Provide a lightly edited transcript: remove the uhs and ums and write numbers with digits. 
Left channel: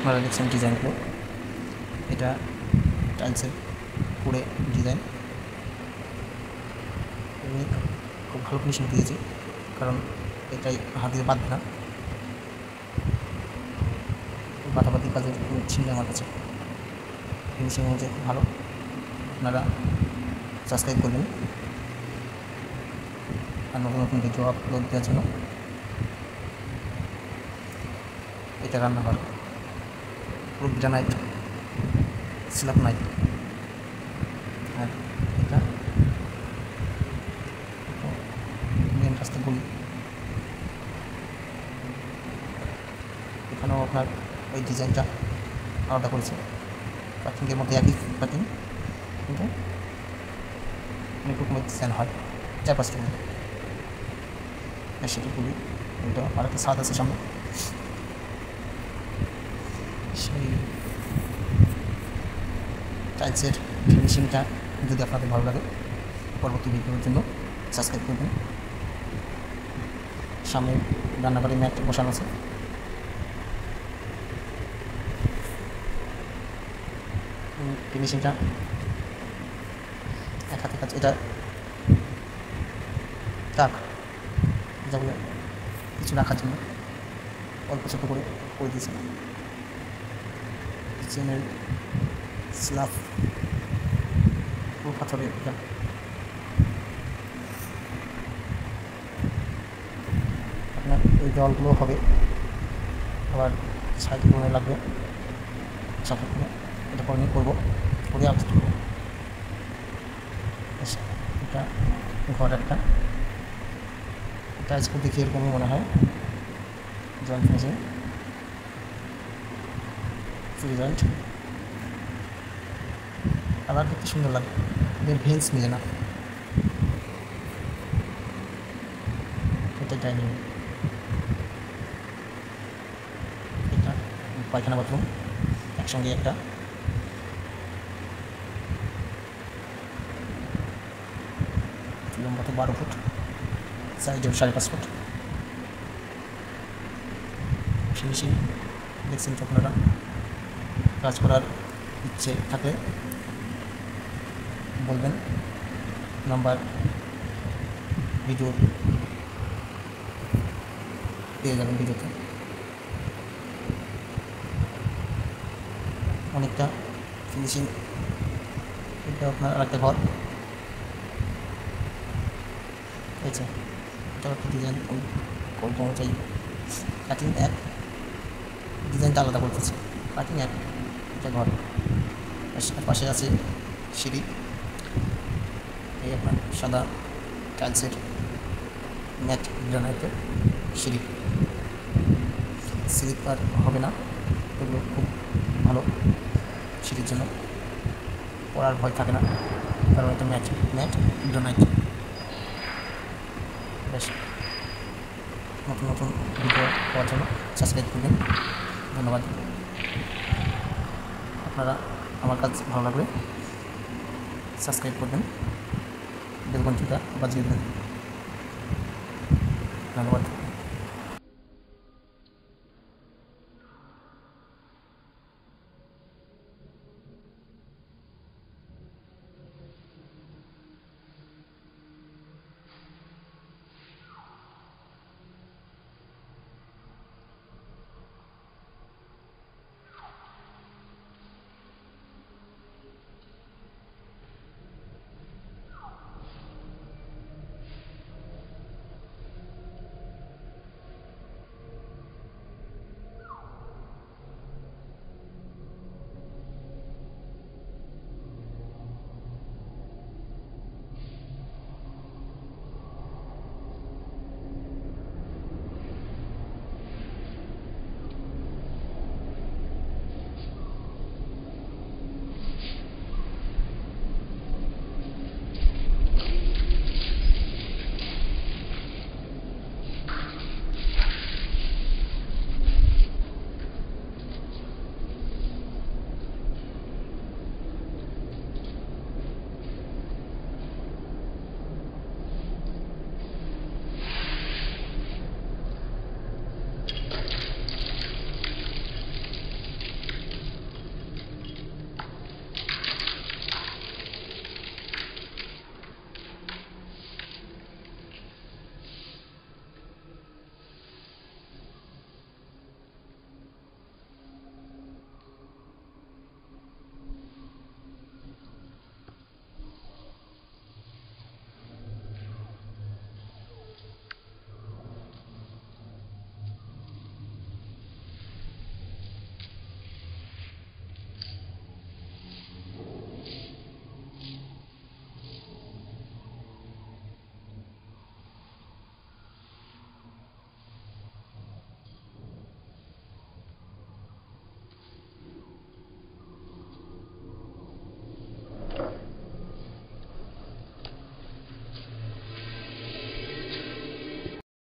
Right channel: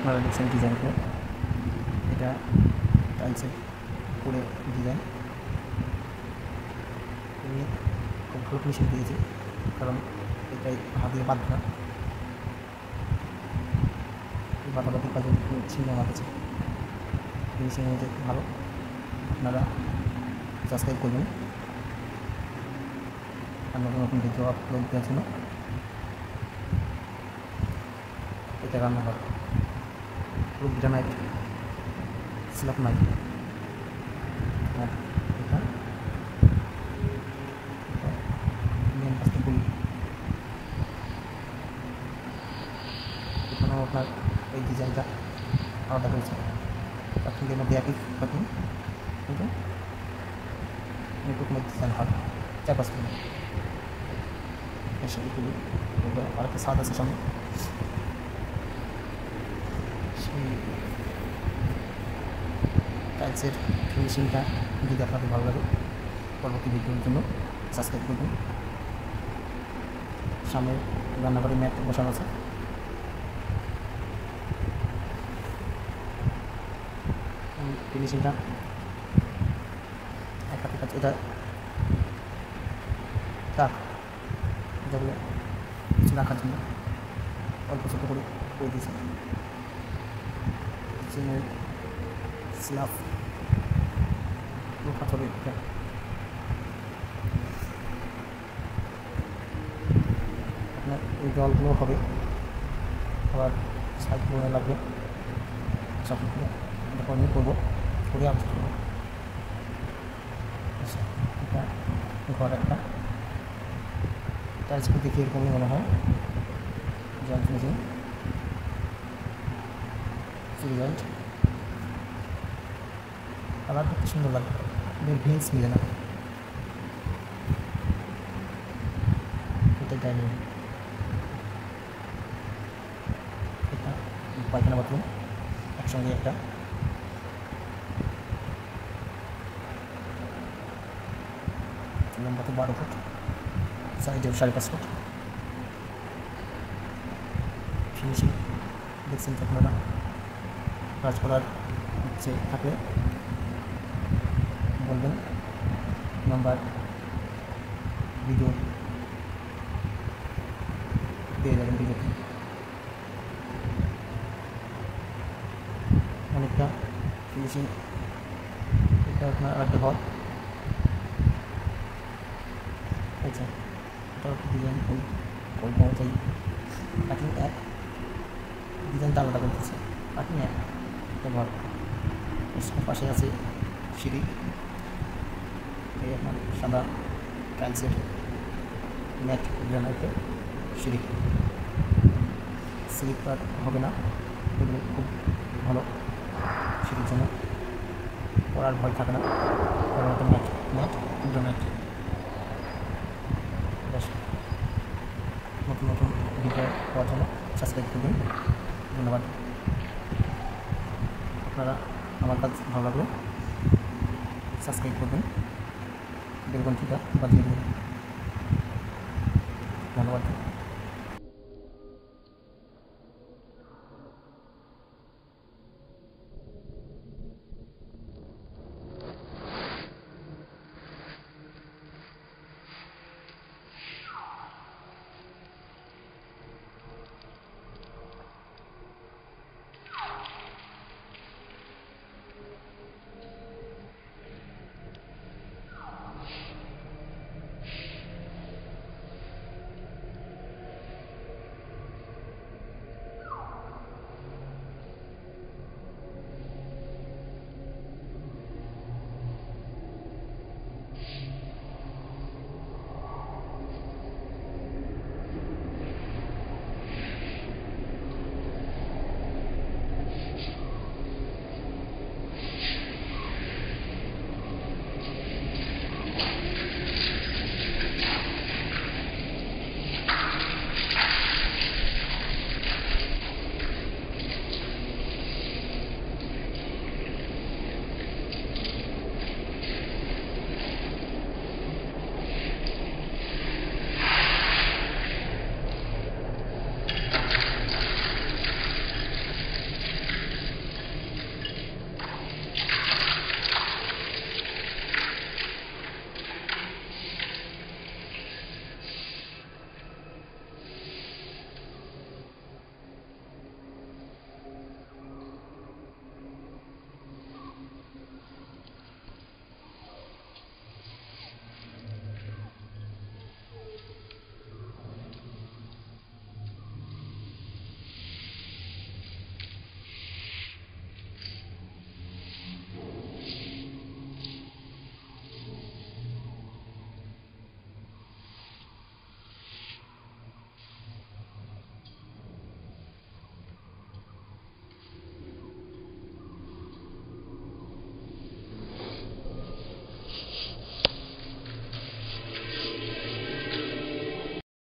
আপনারা দেখছেন ডিজাইনগুলো, এটা টাইলসের পুরে ডিজাইন। আমি খুব ভালো ফিনিশিং দিয়েছি, কারণ এটাই হাত দিয়ে বাঁধবে না, বাঁধাবাঁধি কাজের ছিল আমার কাছে। ফিনিশিং অনুযায়ী খুব ভালো। আপনারা সাবস্ক্রাইব করবেন আর নতুন নতুন ভিডিও আপলোড দেওয়ার জন্য। এটা রান্নাঘর, পুরো গ্রানাইট, স্ল্যাব নাই। আর এটা মেন রাস্তা গলি। এখানেও আপনার এই ডিজাইনটা আলাদা করেছে, কাটিংয়ের মধ্যে একই কাটিং, কিন্তু অনেক রকমের ডিজাইন হয় চারপাশ থেকে। সেটি খুবই, এটা আরেকটা স্বাদ আছে সামনে। সেই টাইলসের ফিনিশিংটা যদি আপনাদের ভালো লাগে, পরবর্তী ভিডিওর জন্য সাবস্ক্রাইব করবেন। সামনে রান্নাঘরে ম্যাট বসানো আছে। ফিনিশিংটা এক হাতে কাজ। এটা তাক, যা বলে কিছু রাখার জন্য অল্প ছোটো করে দিয়েছে। কিচেনের স্ল্যাব পুরো পাথরের। আপনার এই দেওয়ালগুলো হবে, আবার সাইডগুলো লাগবে সাপোর্ট করে। এটা করে নিয়ে করবো, করে আপলোড করবো। এটা ঘর একটা, টাইলসগুলো দেখে এরকমই মনে হয় জয়েন্ট ফিনিশিং, ফুল জয়েন্ট। কালার দেখতে সুন্দর লাগে, এদের ভেন্স মিলে না। এটা ডাইনিং, এটা পায়খানা বাথরুম একসঙ্গে একটা। লম্বা তো 12 ফুট, সাইডেও 5.5 ফুট। ফিনিশিং দেখছেন তো আপনারা। কাজ করার ইচ্ছে থাকলে বলবেন, নাম্বার ভিডিও পেয়ে যাবেন ভিডিওতে। অনেকটা ফিনিশিং। এটা আপনার আরেকটা ঘর, আচ্ছা এটা একটা ডিজাইন ওই অনুযায়ী কাটিং এক, ডিজাইনটা আলাদা করতেছে। কাটিং এক, এটা ঘর। পাশে আছে সিঁড়ি, এই আপনার সাদা টাইলসের ম্যাট গ্রানাইটের সিঁড়ি। স্লিপার হবে না, এগুলো খুব ভালো সিঁড়ির জন্য, পড়ার ভয় থাকে না, কারণ এটা ম্যাট গ্রানাইট। বেশ, নতুন নতুন ভিডিও পাওয়ার জন্য সাবস্ক্রাইব করবেন। ধন্যবাদ। আপনারা আমার কাজ ভালো লাগলে সাবস্ক্রাইব করবেন, বেল ঘন্টিটা বাজিয়ে দেবেন। ধন্যবাদ।